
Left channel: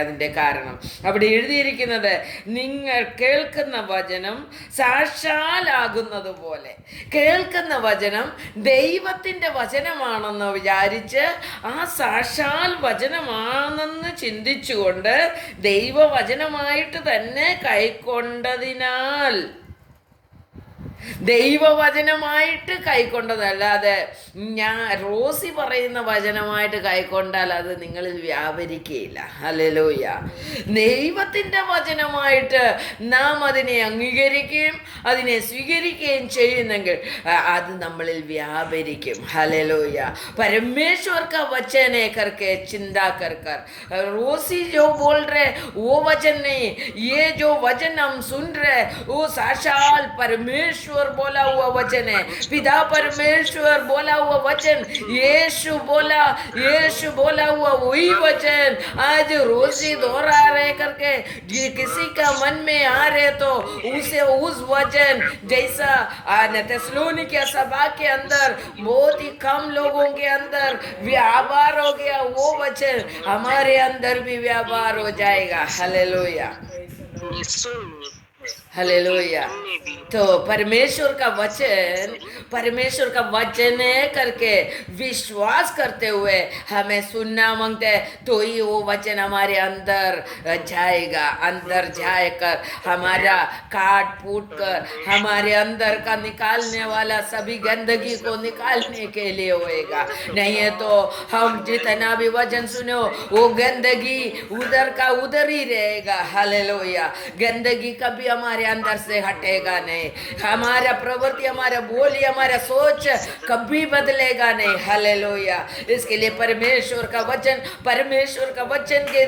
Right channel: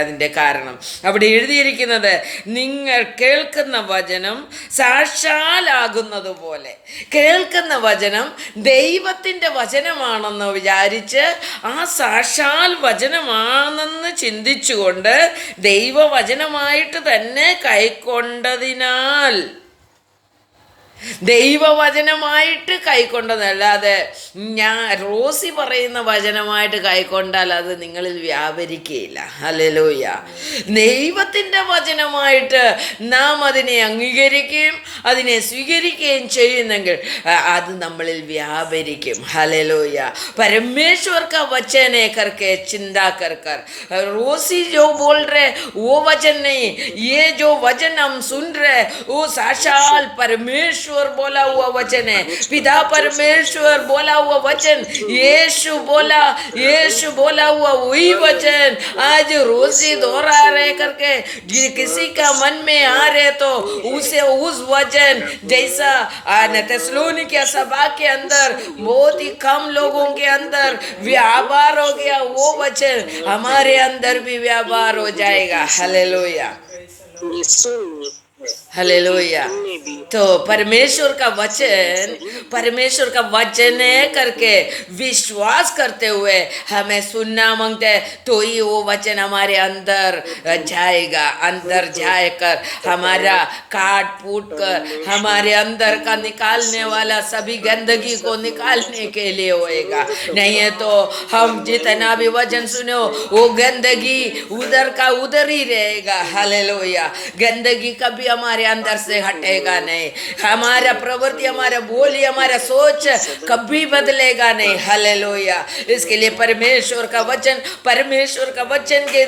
അതിൻ്റെ കാരണം. അവിടെ എഴുതിയിരിക്കുന്നത്, നിങ്ങൾ കേൾക്കുന്ന വചനം സാക്ഷാലാകുന്നത് പോലെ. കേൾക്കുന്ന വചനം ദൈവത്തിൻ്റെ വചനമാണെന്ന് വിചാരിച്ച് ആ സാക്ഷാൽ വചനമാണെന്ന് ചിന്തിച്ചുകൊണ്ട് ദൈവവചനമായിട്ട് തന്നെ കൈക്കൊണ്ടതിനാൽ, ദൈവവചനമായിട്ട് കൈക്കൊണ്ടതല്ലാതെ റോസി പറയുന്ന വചനമായിട്ട് കൈക്കൊണ്ടാൽ അത് നിങ്ങളിൽ വ്യാപരിക്കുകയില്ല. ഹല്ലേലൂയ. ദൈവത്തിൻ്റെ വചനമായിട്ട് നാം അതിനെ അംഗീകരിക്കുകയും അതിനെ സ്വീകരിക്കുകയും ചെയ്യുന്നെങ്കിൽ അത് നമ്മളിൽ വ്യാപരിക്കും. ഹല്ലേലൂയ. परमेश्वर का वचन है करके चिंता कर कर रोसी जो बोल रहे वो वचन नहीं, ये जो वचन हम सुन रहे वो साक्षात परमेश्वर बोला हुआ वचन है। पिता परमेश्वर बोला हुआ वचन, यीशु बोला हुआ वही वचन आज रोजी दोहरा रहे करके किसी का मन में आ रहे तो उसे उस वचन जैसा थिस्सलुनीके सभा के अंदर बहुत ही कम लोगों के अंदर व्यापार हो गया, वो वचन हमारे अंदर भी व्यापार हो जाएगा। Hallelujah, hallelujah. तो परमेश्वर का वचन करके विश्वास करते हुए हमें सुनना मांगते हैं, तो ही वो वचन हमारे अंदर जाकर हमारा काट फूट कर हमारे अंदर का निकालने वाला सभी गंदगी को निकालने के लिए होएगा। नहीं है तो हम जितना भी वचन सुने वो गंदगी उधर का उधर ही रहेगा। हालेलुया। गंदगी कभी हमारे अंदर से हटेगा नहीं। नहीं, हमारा प्रवृत्ति, हमारा बोली, हमारा सोच कभी बदलेगा नहीं। हालेलुया। इसके लिए परमेश्वर का वचन के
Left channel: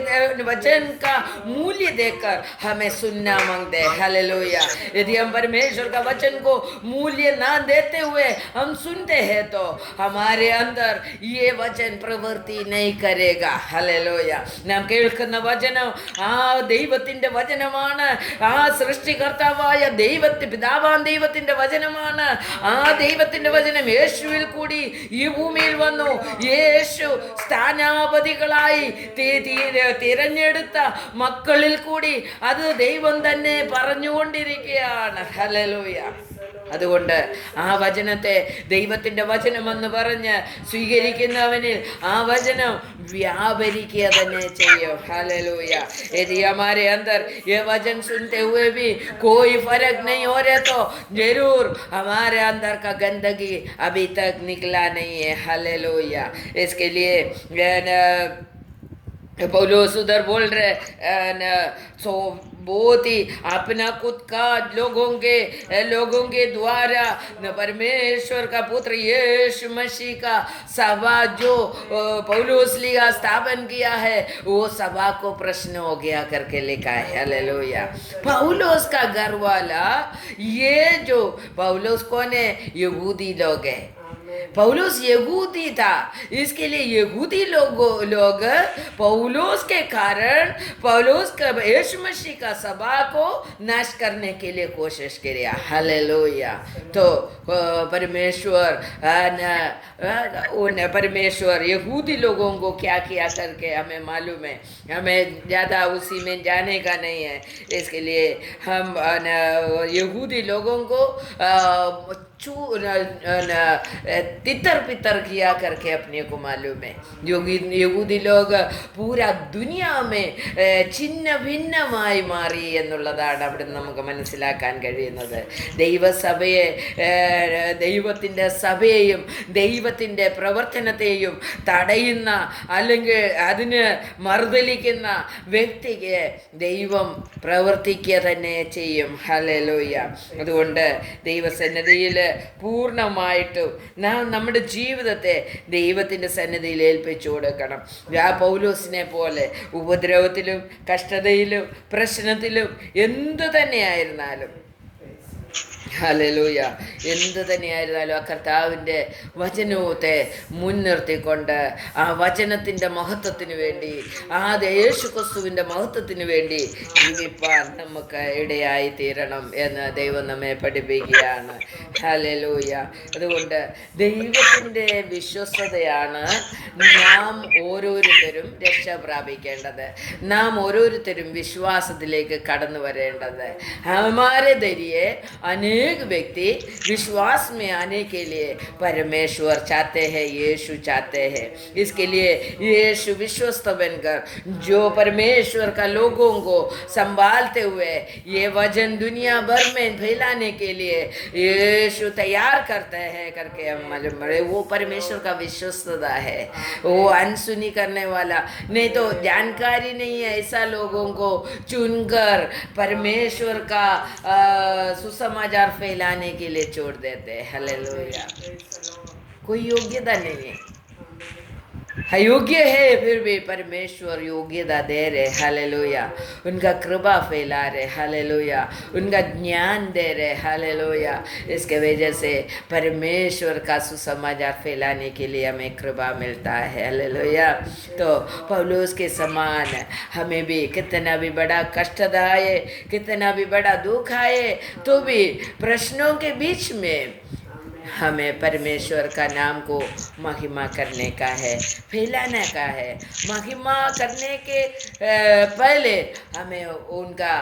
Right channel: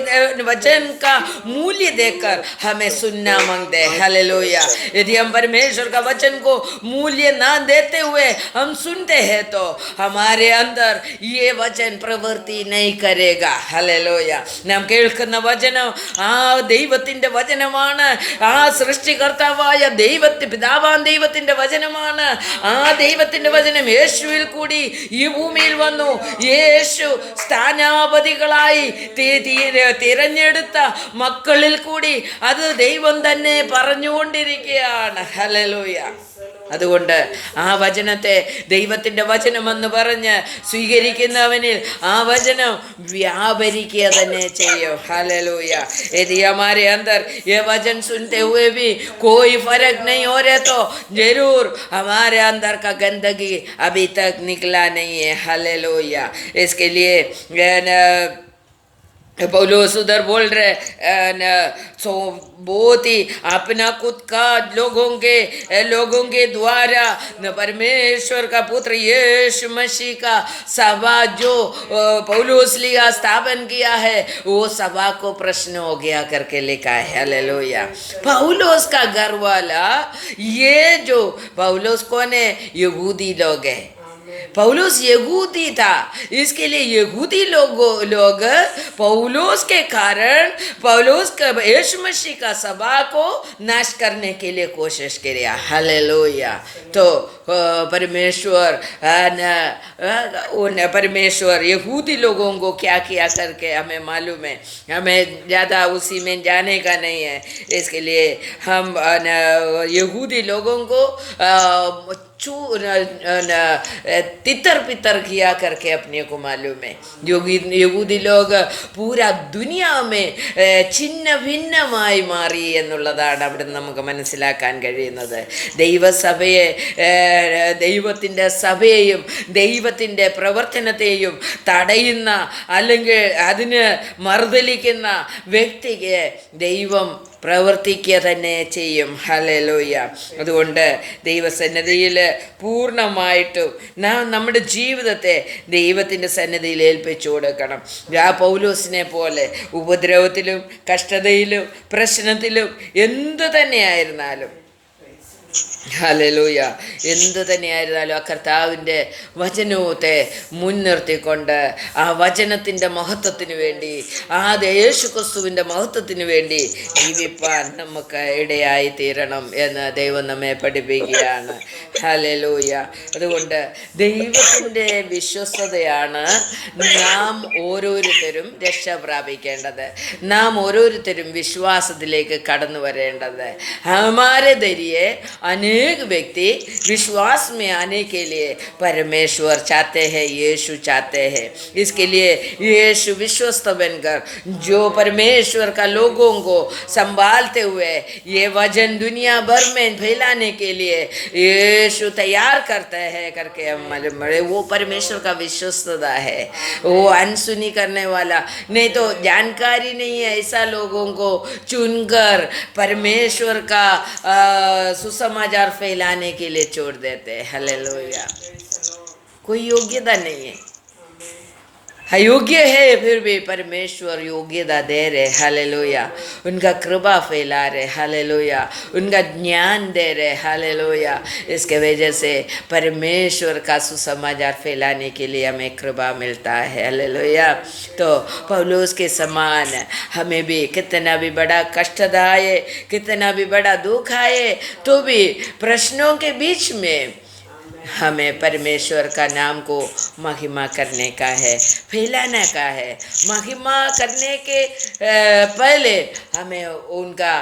वचन का मूल्य देकर हमें सुनना मांगते हैं। हालेलुया। यदि हम परमेश्वर का वचन को मूल्य ना देते हुए हम सुनते हैं तो हमारे अंदर ये वचन प्रवृत्ति नहीं करेगा. ഹല്ലേലൂയ. നാം കേൾക്കുന്ന വചനം ആ ദൈവത്തിൻ്റെ വചനമാണ്. ആ സൃഷ്ടികർത്താവായ പിതാവാൻ ദൈവത്തിൻ്റെ വചനമാണ്. ആ ദൈവത്തിൻ്റെ വചനം യേശുവിൽ കൂടി ഈ ഭൂമിയിൽ വന്നു. യേശു സ്ഥാനാപതികളായി തിരഞ്ഞെടുത്ത മക്കളിൽ കൂടി അത് ദൈവം തന്നെ പറഞ്ഞുകൊണ്ടിരിക്കുകയാണ്. ഹല്ലേലൂയ. അതുകൊണ്ട് ആ വചനത്തെ ദൈവത്തിൻ്റെ വചനമെന്ന് പറഞ്ഞ് സ്വീകരിക്കുന്നവനിൽ ആ വചനം വ്യാപരിക്കുക തന്നെ ചെയ്യും. हालेलुया. यदि हमारे अंदर ये वचन सुनते हुए भी कोई फर्क नहीं हो रहा तो जरूर हमारे अंदर का गंदगी अभी तक निकला नहीं है. हालेलुया. इसके लिए पौलुस उधर बोल रहे सो बहुत ही अपना खुद का लोगों के द्वारा परमेश्वर का पुत्र यीशु मसीह का सभा जो पौलुस लिया स्थापन किया है वो सभा को प्रश्न हो गया करके लिखा है. हालेलुया. पौलुस का घर वाला ये जो पौलुस कौन है? यहूदी लोग है. पौलुस यहूदी था, इसके लिए यहूदी लोग पौलुस के कारण पौलुस का यीशु मसीह का सभा को नाश करने के लिए कोशिश किया. हालेलुया. तो परमेश्वर यहूदी लोगों को क्या किया करके हमें मालूम है. हमें ज़्यादा उसी में जाने का नहीं है. इसके लिए हम यहूदी लोगों को तितर पितर किया करके अपने को मालूम है. യഹൂദി ലോക പൂരാ ദുനിയാമേ ഛിന്ന ഭിന്നമായി മാറി എന്നുള്ളതാണ് അവിടെ നമുക്ക് മനസ്സിലാക്കാൻ കഴിയുന്നത്. ദൈവത്തിൻ്റെ സഭയെയും ദൈവത്തിൻ്റെ പ്രവർത്തനത്തെയും തടയുന്ന അല്ലെങ്കിൽ അതിന് മറുതലിക്കുന്ന വ്യക്തിക്ക് ദൈവം പ്രവർത്തിക്കുക തന്നെ ചെയ്യും. ഹല്ലേലൂയ. അതുകൊണ്ട് ദൈവസന്നിധിയിൽ പൂർണ്ണമായിട്ടും നാം നമ്മുടെ ജീവിതത്തെ ദൈവത്തിൻ്റെ സന്നിധിയിൽ ഏൽപ്പിച്ചു കൊടുക്കണം. ആ പൗലോസിനെ പോലെ ഉപദ്രവത്തിലും കഷ്ടതയിലും പ്രശ്നത്തിലും എന്തു തന്നെയായിരുന്നാലും ഹല്ലേലൂയ എന്ത് തന്നെയായിരുന്നാലും ആ കർത്താവിൻ്റെ വചനത്തെ മുൻനിർത്തിക്കൊണ്ട് ആ വചനത്തിൻ്റെ മഹത്വത്തിന് വേണ്ടി ആ യേശു ക്രിസ്തുവിൻ്റെ മഹത്വത്തിന് വേണ്ടി ജീവിപ്പാൻ നമുക്ക് ഇടയായി തീരണം എന്ന് ദൈവം നമ്മെ പഠിപ്പിക്കുകയാണ്. ഹല്ലേലൂയ. അതുകൊണ്ട് ദൈവത്തിൻ്റെ വിശ്വസ്തതയാണ് നാം ഓരോരുത്തരും രക്ഷ പ്രാപിക്കേണ്ടത്. നാം ഓരോരുത്തരും വിശ്വാസത്തിലേക്ക് കടന്നു വരേണ്ടത്. हमारे जरिए अनेक व्यक्ति विश्वास में आने के लिए परमेश्वर चाहते हैं, यीशु चाहते हैं. इसके लिए यीशु विश्वस्त बनकर जो परमेश्वर का लोगों को संभालते हुए ये वचन दुनिया भर में फैलाने के लिए यीशु तैयार करते हैं करके हम मालूम पड़े. वो परमेश्वर का विश्वस्तता है. वो अनसुनी करने वाला नहीं तो जानकारी नहीं है ऐसा लोगों को चुनकर परमेश्वर का सुसमाचार फैलाने के लिए छोड़ देते हैं. हालेलुया. कोई योग्यता नहीं है, अयोग्य है फिर भी परमेश्वर योग्यता दे रहे. हालेलुया. उनका कृपा फैला रहे. हालेलुया. उनका ज्ञान दे रहे. हालेलुया. इसके वजह से परमेश्वर का सुसमाचार फैलाने के लिए हमें कृपा मिलता है. हालेलुया. तो पौलुस के समान हमें भी कितना भी बड़ा कष्ट आए, कितना भी बड़ा दुख आए तो भी प्रश्नों के बीच में हमें परमेश्वर का नाम को महिमा करने का है, फैलाने का है. महिमा करने के पहले हमें उनका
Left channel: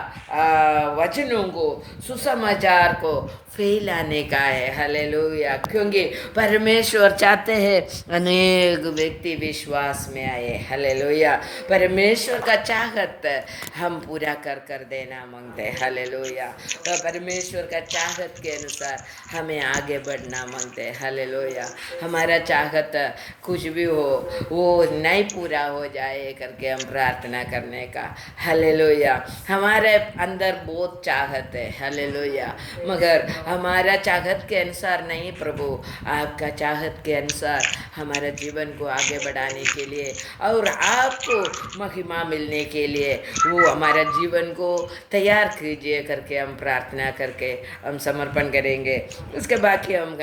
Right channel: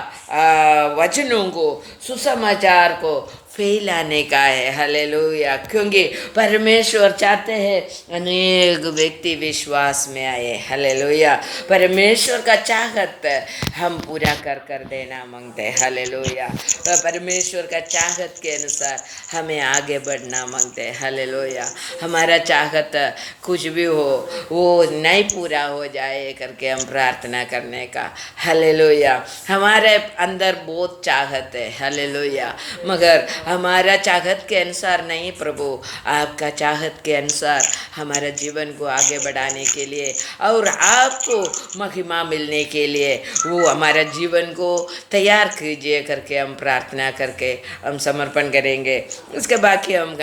वचनों को सुसमाचार को फेल आने का है। हालेलुया। क्योंकि परमेश्वर चाहते हैं अनेक व्यक्ति विश्वास में आए। हालेलुया। परमेश्वर का चाहत हम पूरा कर कर देना मांगते हैं। हालेलुया। परमेश्वर का चाहत के अनुसार हमें आगे बढ़ना मांगते हैं। हालेलुया। हमारा चाहत कुछ भी हो वो नहीं पूरा हो जाए करके हम प्रार्थना करने का। हालेलुया। हमारे अंदर बहुत चाहत है। हालेलुया। मगर हमारा चाहत के अनुसार नहीं प्रभु, आपका चाहत के अनुसार हमारे जीवन को आगे बढ़ाने के लिए और आपको महिमा मिलने के लिए वो हमारा जीवन को तैयार कीजिए करके हम प्रार्थना करके हम समर्पण करेंगे। उसके बाकी हम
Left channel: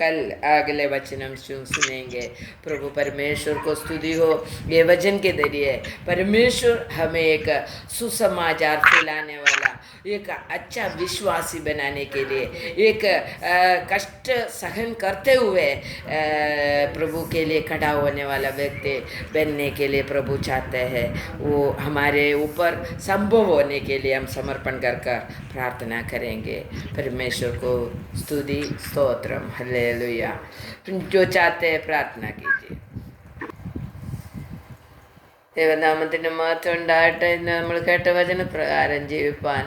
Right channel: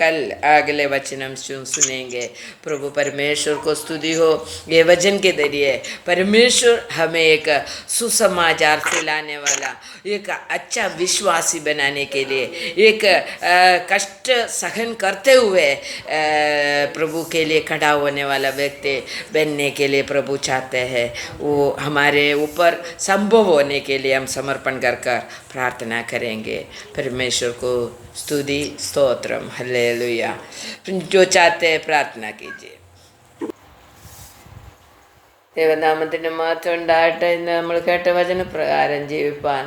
कल अगले वचन हम सुनेंगे। प्रभु परमेश्वर को स्तुति हो। ये वचन के जरिए परमेश्वर हमें एक सुसमाचार फैलाने वाला, एक अच्छा विश्वासी बनाने के लिए, एक कष्ट सहन करते हुए प्रभु के लिए खड़ा होने वाला व्यक्ति बनने के लिए प्रभु चाहते हैं। वो हमारे ऊपर संभव होने के लिए हम समर्पण कर कर प्रार्थना करेंगे। परमेश्वर को स्तुति स्तोत्रम। हालेलुया। जो चाहते हैं प्रार्थना कीजिए। ദൈവനാമത്തിന് മാത്രം ഉണ്ടാകട്ടെ. ഇന്ന് നമ്മൾ കേട്ട വചനപ്രകാരം ജീവിപ്പാൻ,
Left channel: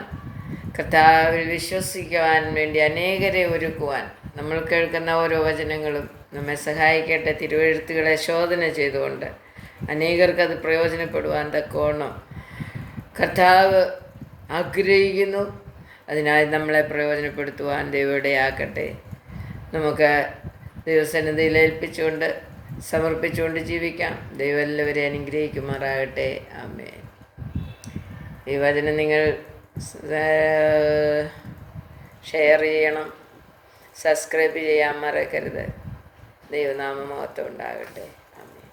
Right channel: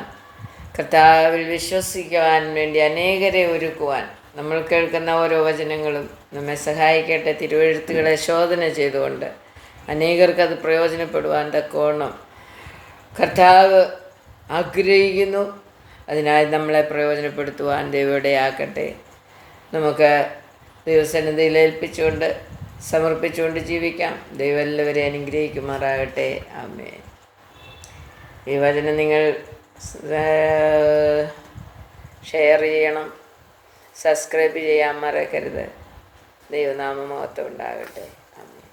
കർത്താവിൽ വിശ്വസിക്കുവാൻ വേണ്ടി അനേകരെ ഒരുക്കുവാൻ നമ്മൾ കേൾക്കുന്ന ഓരോ വചനങ്ങളും നമ്മെ സഹായിക്കട്ടെ. തിരുവെഴുത്തുകളെ ശോധന ചെയ്തുകൊണ്ട് അനേകർക്കത് പ്രയോജനപ്പെടുവാൻ തക്കവണ്ണം കർത്താവ് ആഗ്രഹിക്കുന്നു. അതിനായി നമ്മളെ പ്രയോജനപ്പെടുത്തുവാൻ ദൈവയുടെയാക്കട്ടെ. നമുക്ക് ദൈവസന്നിധിയിൽ ഏൽപ്പിച്ചുകൊണ്ട് സമർപ്പിച്ചുകൊണ്ട് ജീവിക്കാം. ദൈവം എല്ലാവരെയും അനുഗ്രഹിക്കുമാറാകട്ടെ. ആമേൻ. ഈ വചനം നിങ്ങൾ ഷെയർ ചെയ്യണം, സബ്സ്ക്രൈബ് ചെയ്യാൻ മറക്കരുത്. ദൈവനാമ മഹത്വം ഉണ്ടാകട്ടെ. ആമേൻ.